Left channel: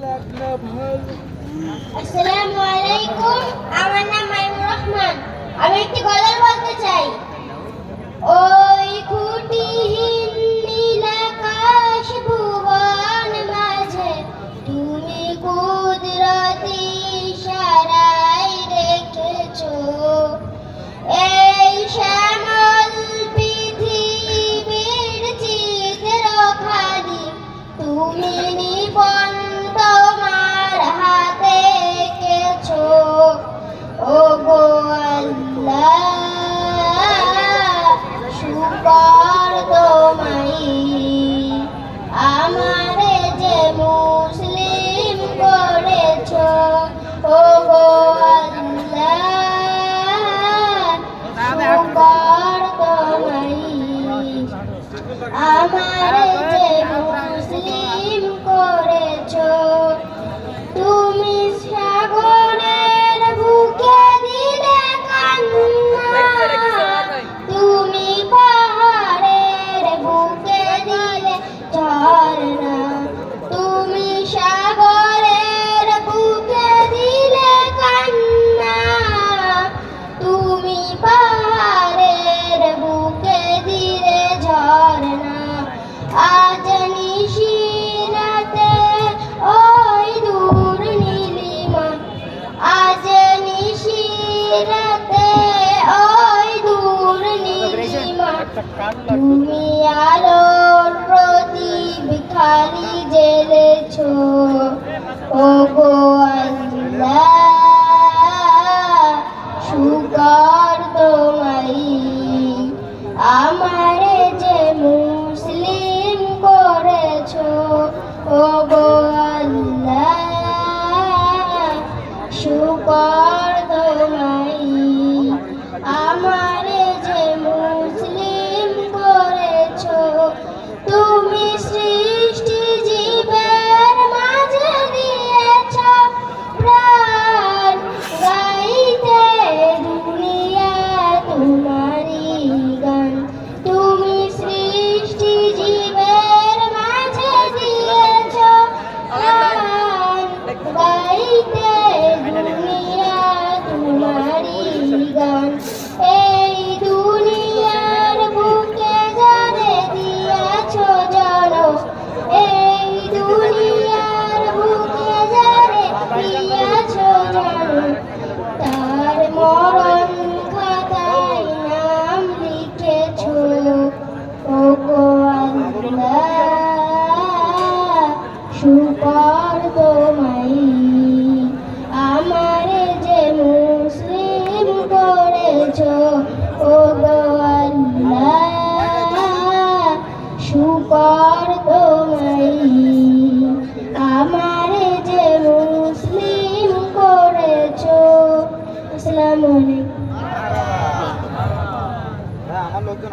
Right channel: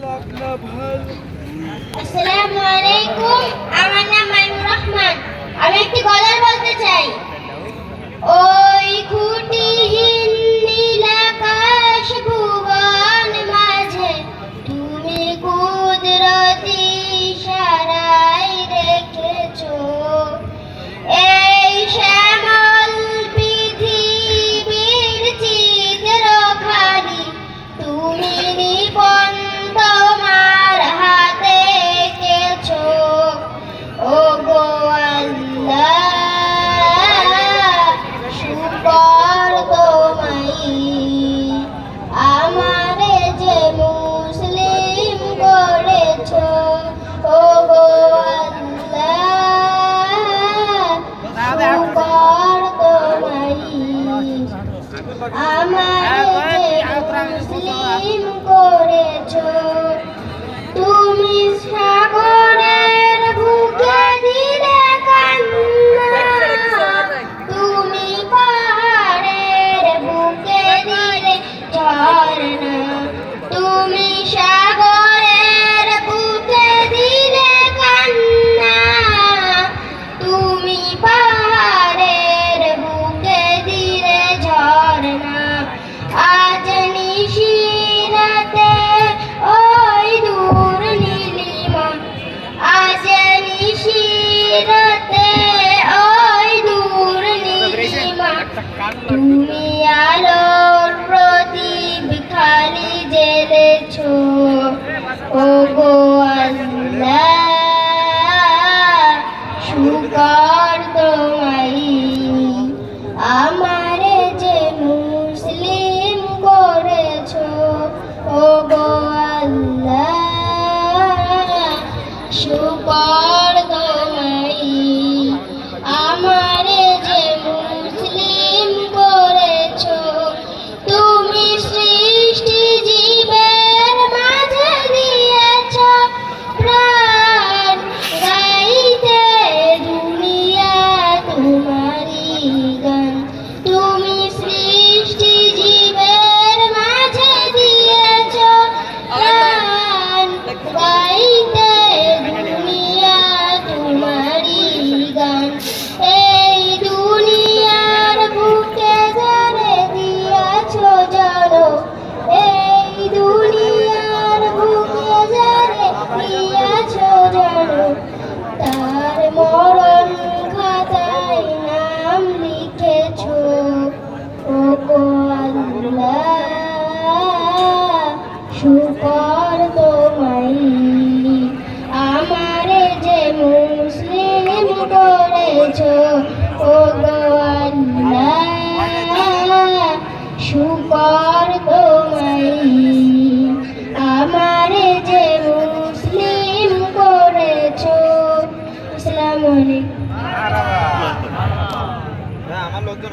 আসসালামু আলাইকুম। আমার নাম মাইমুর রহমান। আমি একটি গজল বলতে চাই। ওই খুঁটিহীন নীল আকাশ ভুবন মাঝে তুমি কুদরতি ইশারায় রেখেছো এই শ্যামল পৃথিবীর চিত্রখানি তুমি নিপন তোমার হাতে এঁকেছো। ওগো আল্লাহ, শুকর তোমায়, আমারে যে মুসলিম করেছো। ওগো আল্লাহ, শুকর তোমায়, আমারে যে মুসলিম করেছো। তুমি সাগরের বুকে দিলে কান্না, তুমি পাহাড়ের বুকে দিলে ঝরনা, তুমি সাগরের বুকে দিলে কান্না, তুমি পাহাড়ের বুকে দিলে ঝরনা। আজ নিশিরাতে ওই দূর নীলিমা, আজ নিশিরাতে ওই দূর নীলিমা, তুমি আলোর প্রদীপ খালি জ্বেলেছো। ওগো আল্লাহ, শুকর তোমায়, আমারে যে মুসলিম করেছো। ওগো আল্লাহ, শুকর তোমায়, আমারে যে মুসলিম করেছো। তুমি সৃষ্টি জীবের মাঝে দিয়েছ প্রাণ, গাইতে দুনিয়া তোমারই গান। তুমি সৃষ্টি জীবের মাঝে দিয়েছ প্রাণ, গাইতে দুনিয়া তোমারই গান। এই দুনিয়ার বুকে যারে দিয়েছ জন্ম, এই দুনিয়ার বুকে যারে দিয়েছ জন্ম, তার মরণ খাতায় নাম লিখেছ। ওগো আল্লাহ, শুকর তোমায়, আমারে যে মুসলিম করেছো। ওগো আল্লাহ, শুকর তোমায়, আমারে যে মুসলিম করেছো। আসসালামু আলাইকুম। আমার লোকজন